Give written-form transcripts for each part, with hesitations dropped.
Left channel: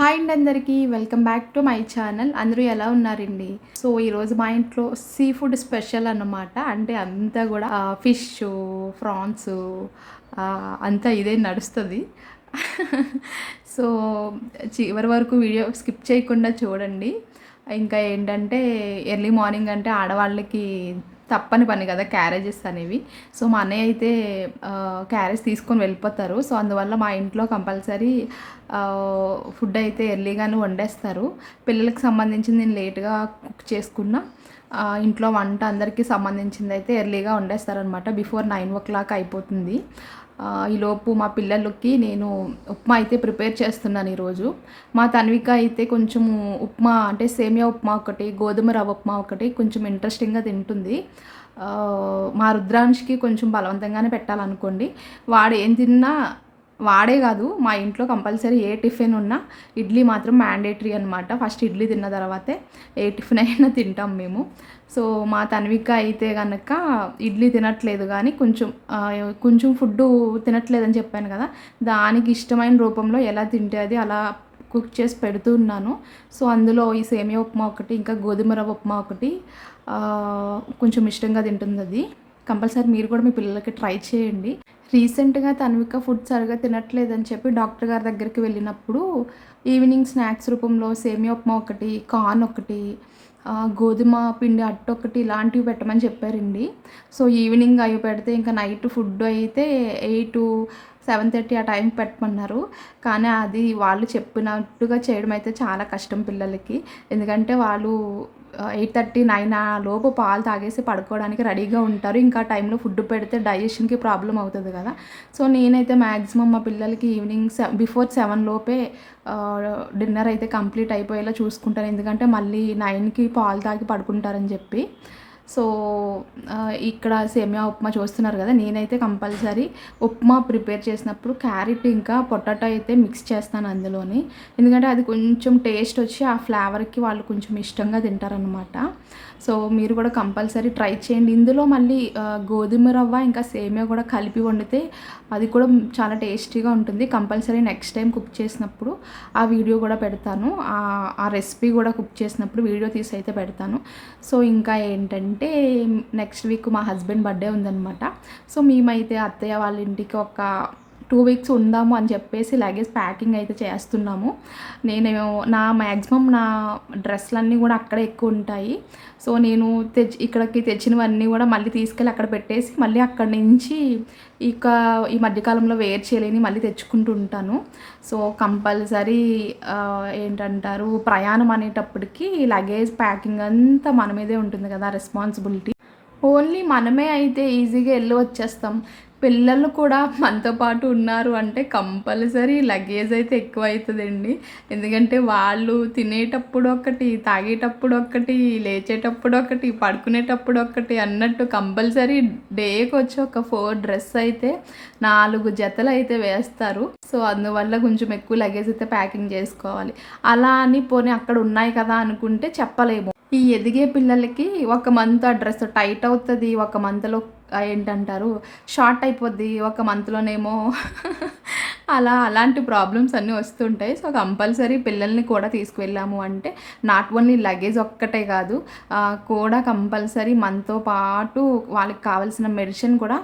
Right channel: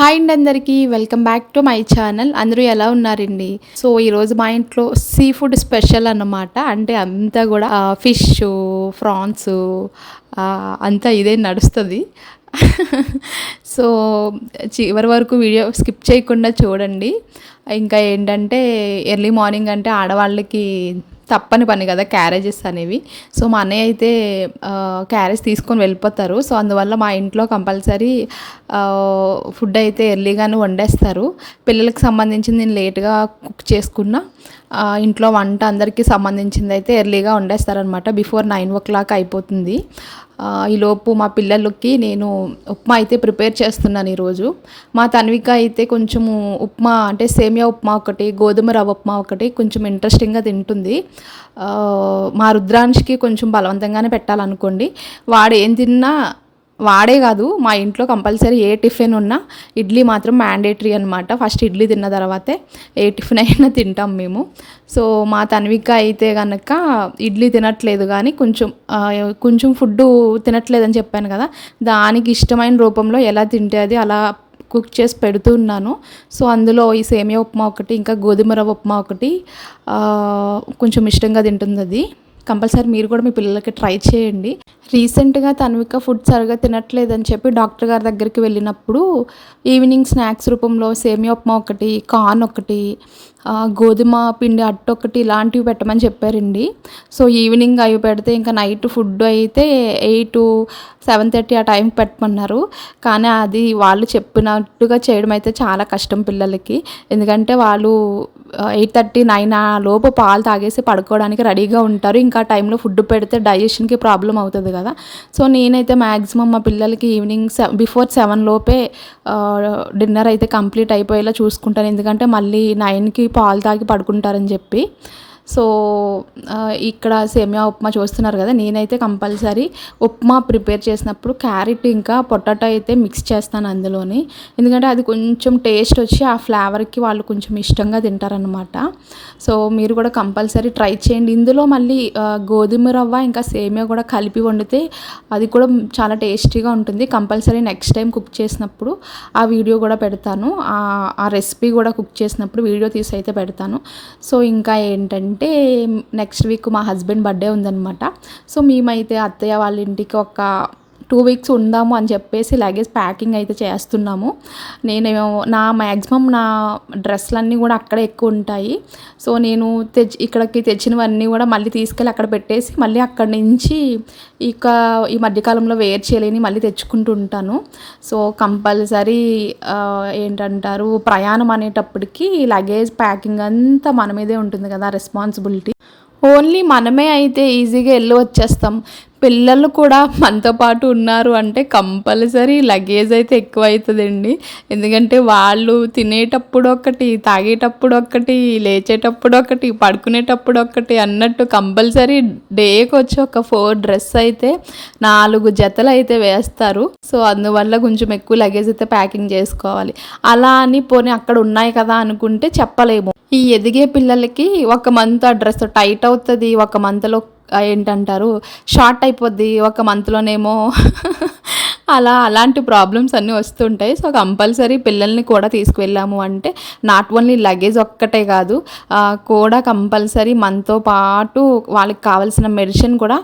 Hi అండి అందరికీ welcome back to my channel. అందరూ ఎలా ఉన్నారండి? సో ఈరోజు మా ఇంట్లో సీ ఫుడ్ స్పెషల్ అన్నమాట. అంటే అంతా కూడా ఫిష్, ఫ్రాన్స్ అంతా ఇదే నడుస్తుంది. సో చివరి వరకు వీడియో స్కిప్ చేయకుండా చూడండి. ఇంకా ఏంటంటే ఎర్లీ మార్నింగ్ అంటే ఆడవాళ్ళకి తప్పని పని కదా క్యారేజెస్ అనేవి. సో మా అన్నయ్య అయితే క్యారేజ్ తీసుకొని వెళ్ళిపోతారు. సో అందువల్ల మా ఇంట్లో కంపల్సరీ ఫుడ్ అయితే ఎర్లీగానే వండేస్తారు. పిల్లలకి సంబంధించింది నేను లేట్గా కుక్ చేసుకున్నా. ఇంట్లో వంట అందరికీ సంబంధించింది అయితే ఎర్లీగా వండేస్తారనమాట. బిఫోర్ 9 అయిపోతుంది. ఈలోపు మా పిల్లలకి నేను ఉప్మా అయితే ప్రిపేర్ చేస్తున్నాను ఈరోజు. మా తన్విక అయితే కొంచెము ఉప్మా అంటే సేమియా ఉప్మా ఒకటి, గోధుమ రవ్వ ఉప్మా ఒకటి కొంచెం ఇంట్రెస్టింగ్గా తింటుంది. మా రుద్రాంష్కి కొంచెం బలవంతంగానే పెట్టాలనుకోండి. వాడు ఏం తిన్నా వాడే కాదు మా ఇంట్లో కంపల్సరీ ఏ టిఫిన్ ఉన్నా ఇడ్లీ మాత్రం మ్యాండేటరీ అనమాట. ఫస్ట్ ఇడ్లీ తిన్న తర్వాతే ఏ టిఫిన్ అయినా తింటాం మేము. సో మా తన్విక అయితే కనుక ఇడ్లీ తినట్లేదు, కానీ కొంచెం ఫుడ్డు తినట్లేదని చెప్పాను కదా, దానికి ఇష్టమైన రూపంలో ఎలా తింటే అది అలా కుక్ చేసి పెడుతున్నాను. సో అందులో ఈ సేమియా ఉప్మా ఒకటి, ఇంకా గోధుమ రవ్వ ఉప్మా ఒకటి కొంచెం ఇష్టంగా తింటుంది అది. కంపల్సరీ మీరు కూడా మీ పిల్లలకి ట్రై చేయండి. రీసెంట్గా తన్విక ఫుడ్ సరిగా తినట్లేదని చెప్పి డాక్టర్ గారి దగ్గరికి వెళ్ళినప్పుడు ఈవినింగ్ స్నాక్స్ రూపంలో సేమియా ఉప్మా ఒకటి, కార్న్ ఒకటి, గోధుమ పిండి అట్టు ఒకటి ఇలాంటివి పెట్టమని చెప్పారండి. సో ఈవినింగ్ అవి పెడితే ఇంకా నైట్ ఫుడ్ అయితే 8-7:30 ఆ టైంకి పెట్టమన్నారు. కానీ అది వాళ్ళు చెప్పినట్టుగా చేయడం అయితే చాలా కష్టం పిల్లలకి. ఎందుకంటే వాళ్ళు 8:30-9 ఆ లోపు పాలు తాగేసి పడుకోవడానికి రెడీగా ఉంటారు. ఇంకా టైంలో ఫుడ్ పెడితే డైజెషన్కి ప్రాబ్లం అవుతుంది కదా. సో నేనైతే మ్యాక్సిమం మా పిల్లలకి ఈవినింగ్ బిఫోర్ 7 లోపే డిన్నర్ అయితే కంప్లీట్ అయిపోయేలా చూసుకుంటాను. ఎందుకంటే మళ్ళీ 9కి పాలు తాగి పడుకుంటారని చెప్పి. సో ఇక్కడ సేమియా ఉప్మా చూస్తున్నారు కదా, నేనైతే కంపల్సరీ ఉప్మా ప్రిపేర్ చేసినప్పుడు క్యారెట్ ఇంకా పొటాటో అయితే మిక్స్ చేస్తాను అందులోని. ఎందుకంటే అది కొంచెం టేస్ట్ వచ్చి ఆ ఫ్లేవర్కి వాళ్ళు కొంచెం ఇష్టంగా తింటారనమాట. సో మీరు కూడా కంపల్సరీ ట్రై చేయండి. ఇందులో మళ్ళీ గోధుమ రవ్వ ఇంకా సేమియా కూడా కలిపి వండితే అది కూడా చాలా టేస్టీగా ఉంటుంది. కంపల్సరీ నెక్స్ట్ టైం కుక్ చేసినప్పుడు ఆ వీడియో కూడా పెడతాను. ఆ రెసిపీ కూడా కుక్ చేసినప్పుడు వీడియో తీసి అయితే పెడతాను. సో ఇంకా ఏంటంటే నెక్స్ట్ వీక్ మా హస్బెండ్ బర్త్డే ఉందన్నమాట. సో మేమైతే అత్తయ్య వాళ్ళ ఇంటికి ఒక 2 వీక్స్ ఉందాము అని చెప్పేసి లగేజ్ ప్యాకింగ్ అయితే చేస్తున్నాము. నేను మ్యాక్సిమం నా డ్రెస్సులన్నీ కూడా అక్కడే ఎక్కువ ఉంటాయి. సో నేను ఇక్కడికి తెచ్చినవన్నీ కూడా మళ్ళీ తీసుకెళ్ళి అక్కడ పెట్టేసి మళ్ళీ అక్కడి నుంచి ఇక ఈ మధ్యకాలంలో వేర్ చేయలేని మళ్ళీ తెచ్చుకుంటూ ఉంటాను. సో కంపల్సరీ ఏంటంటారు, ప్రయాణం అనేటప్పటికి లగేజ్ ప్యాకింగ్ అంతా మన మీదే ఉంటుంది కదా రెస్పాన్సిబిలిటీ. ఓన్లీ మనమే అయితే ఈజీగా వెళ్ళి వచ్చేస్తాం. పిల్లలు కూడా మనతో పాటు ఉన్నారు అంటే కంపల్సరీ లగేజ్ అయితే ఎక్కువ అవుతుందండి. ఎందుకంటే వాళ్ళు తినేటప్పుడు ఒకటి, తాగేటప్పుడు ఒకటి, లేచేటప్పుడు ఒకటి, పడుకునేటప్పుడు ఒకటి అన్నట్టు కంపల్సరీ డేకి వచ్చి ఒక 4 డ్రెస్ అయితే 4 జతలు అయితే వేస్తారు. సో అందువల్ల కొంచెం ఎక్కువ లగేజ్ అయితే ప్యాకింగ్ చేసుకోవాలి. అలా అని పోనీ అక్కడ ఉన్నాయి కదా అనుకుంటే చెప్పలేము. ఈ ఎదిగే పిల్లలకి ఒక మంత్ ఆ డ్రెస్ టైట్ అవుతుంది, ఒక మంత్లో ఏంటంటారు షార్ట్ అయిపోద్ది, ఒక మంత్లోనేమో అలాంటి ప్రాబ్లమ్స్ అన్నీ వస్తుంటాయి. సో కంపల్సరీ పిల్లల్ని కూడా తీసుకువెళ్ళాము అంటే నాట్ ఓన్లీ లగేజ్ ఒక్కటే కాదు, కూడా కంపల్సరీ మనతో పాటు వాళ్ళకి కావాల్సిన మెడిసిన్ కూడా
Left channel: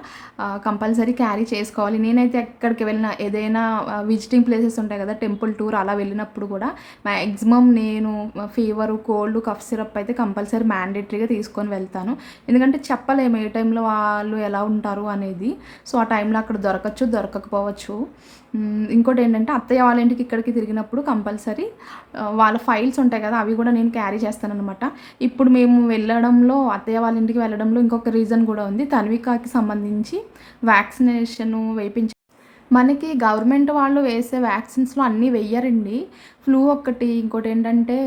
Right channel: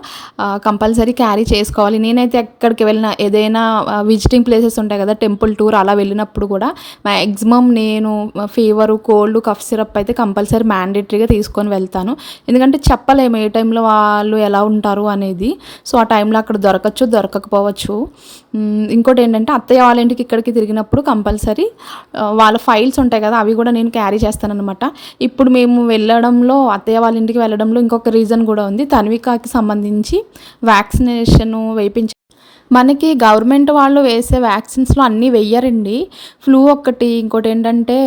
కంపల్సరీ క్యారీ చేసుకోవాలి. నేనైతే ఎక్కడికి వెళ్ళినా ఏదైనా విజిటింగ్ ప్లేసెస్ ఉంటాయి కదా, టెంపుల్ టూర్ అలా వెళ్ళినప్పుడు కూడా మ్యాక్సిమం నేను ఫీవరు, కోల్డ్, కఫ్ సిరప్ అయితే కంపల్సరీ మ్యాండేటరీగా తీసుకొని వెళ్తాను. ఎందుకంటే చెప్పలేము ఏ టైంలో వాళ్ళు ఎలా ఉంటారు అనేది. సో ఆ టైంలో అక్కడ దొరకచ్చు, దొరకకపోవచ్చు. ఇంకోటి ఏంటంటే అత్తయ్య వాళ్ళ ఇంటికి ఇక్కడికి తిరిగినప్పుడు కంపల్సరీ వాళ్ళ ఫైల్స్ ఉంటాయి కదా, అవి కూడా నేను క్యారీ చేస్తానన్నమాట. ఇప్పుడు మేము వెళ్ళడంలో, అత్తయ్య వాళ్ళ ఇంటికి వెళ్ళడంలో ఇంకొక రీజన్ కూడా ఉంది. తన్వికాకి సంబంధించి వ్యాక్సినేషన్ వేయించి మనకి గవర్నమెంట్ వాళ్ళు వేసే వ్యాక్సిన్స్లో అన్నీ వెయ్యరండి. ఫ్లూ ఒక్కటి, ఇంకోటి ఏంటంటే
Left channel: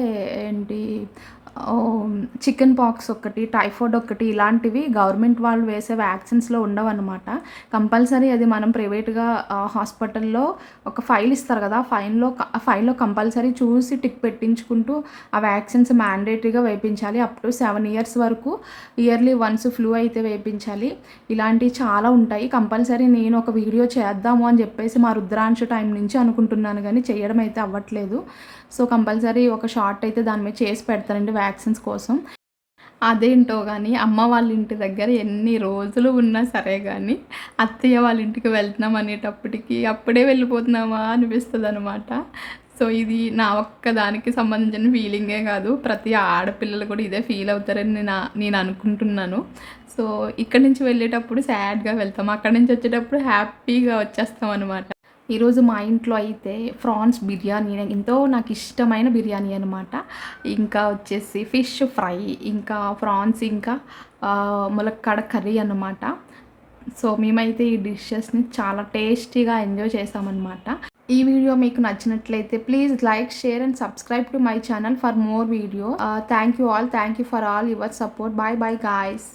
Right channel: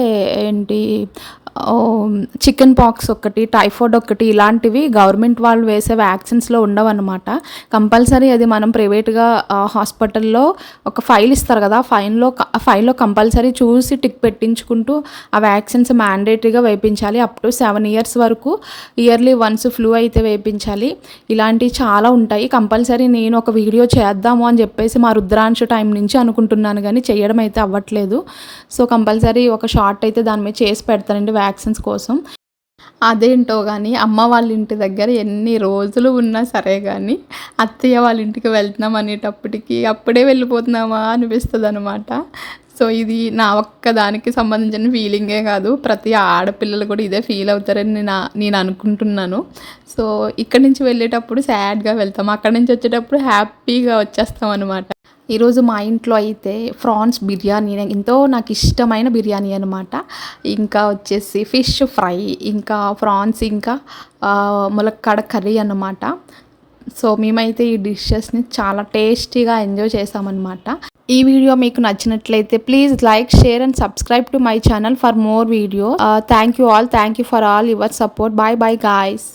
చికెన్ పాక్స్ ఒకటి, టైఫాయిడ్ ఒకటి ఇలాంటివి గవర్నమెంట్ వాళ్ళు వేసే వ్యాక్సిన్స్‌లో ఉండవన్నమాట. కంపల్సరీ అది మనం ప్రైవేట్‌గా హాస్పిటల్‌లో ఒక ఫైల్ ఇస్తారు కదా! ఆ ఫైల్‌లో కంపల్సరీ చూసి టిక్ పెట్టించుకుంటూ ఆ వ్యాక్సిన్స్ మ్యాండేటరీగా వేయించాలి. అప్ టు 7 ఇయర్స్ వరకు ఇయర్లీ వన్స్ ఫ్లూ అయితే వేయించాలి. ఇలాంటివి చాలా ఉంటాయి. కంపల్సరీ నేను ఒక వీడియో చేద్దాము అని చెప్పేసి మా రుద్రాంశ టైం నుంచి అనుకుంటున్నాను గానీ చేయడం అయితే అవ్వట్లేదు. సో, కంపల్సరీ ఒక షార్ట్ అయితే దాని మీద చేసి పెడతానండి వ్యాక్సిన్స్ కోసం. అదేంటో గానీ అమ్మ వాళ్ళ ఇంటి దగ్గర ఎన్ని రోజులు ఉన్నా సరే గానీ, అత్తయ్య వాళ్ళ ఇంటికి వెళ్తున్నాం అనేటప్పటికి అప్పుడే వెళ్ళిపోతున్నామా అనిపిస్తదనమాట. సో, ఇది నా ఒక్కదానికి సంబంధించిన ఫీలింగే కాదు. ప్రతి ఆడపిల్లలు కూడా ఇదే ఫీల్ అవుతారని నేను అనుకుంటున్నాను. సో, ఇక్కడి నుంచి వెళ్ళేటప్పుడు సాడ్‌గా వెళ్తాం. అక్కడి నుంచి వచ్చేటప్పుడు హ్యాపీగా వచ్చేస్తామనమాట. ఈరోజు మా ఇంట్లో అయితే ఫ్రాన్స్ బిర్యానీ ఎంతో నాకు ఇష్టమైన బిర్యానీ అనమాట. ఇంకా వచ్చేసి ఫిష్ ఫ్రై, ఇంకా ఫ్రాన్స్, ఇంకా ములక్కాడ కర్రీ అన్నమాట. సో, మేమైతే ఈ డిషెస్‌ని చాలా టేస్టీగా ఎంజాయ్ చేసామన్నమాట. ఈ వీడియో మీకు నచ్చినట్లయితే please like, share and subscribe to my channel for more videos. Thank you all. Thank you for all your support. By by guys.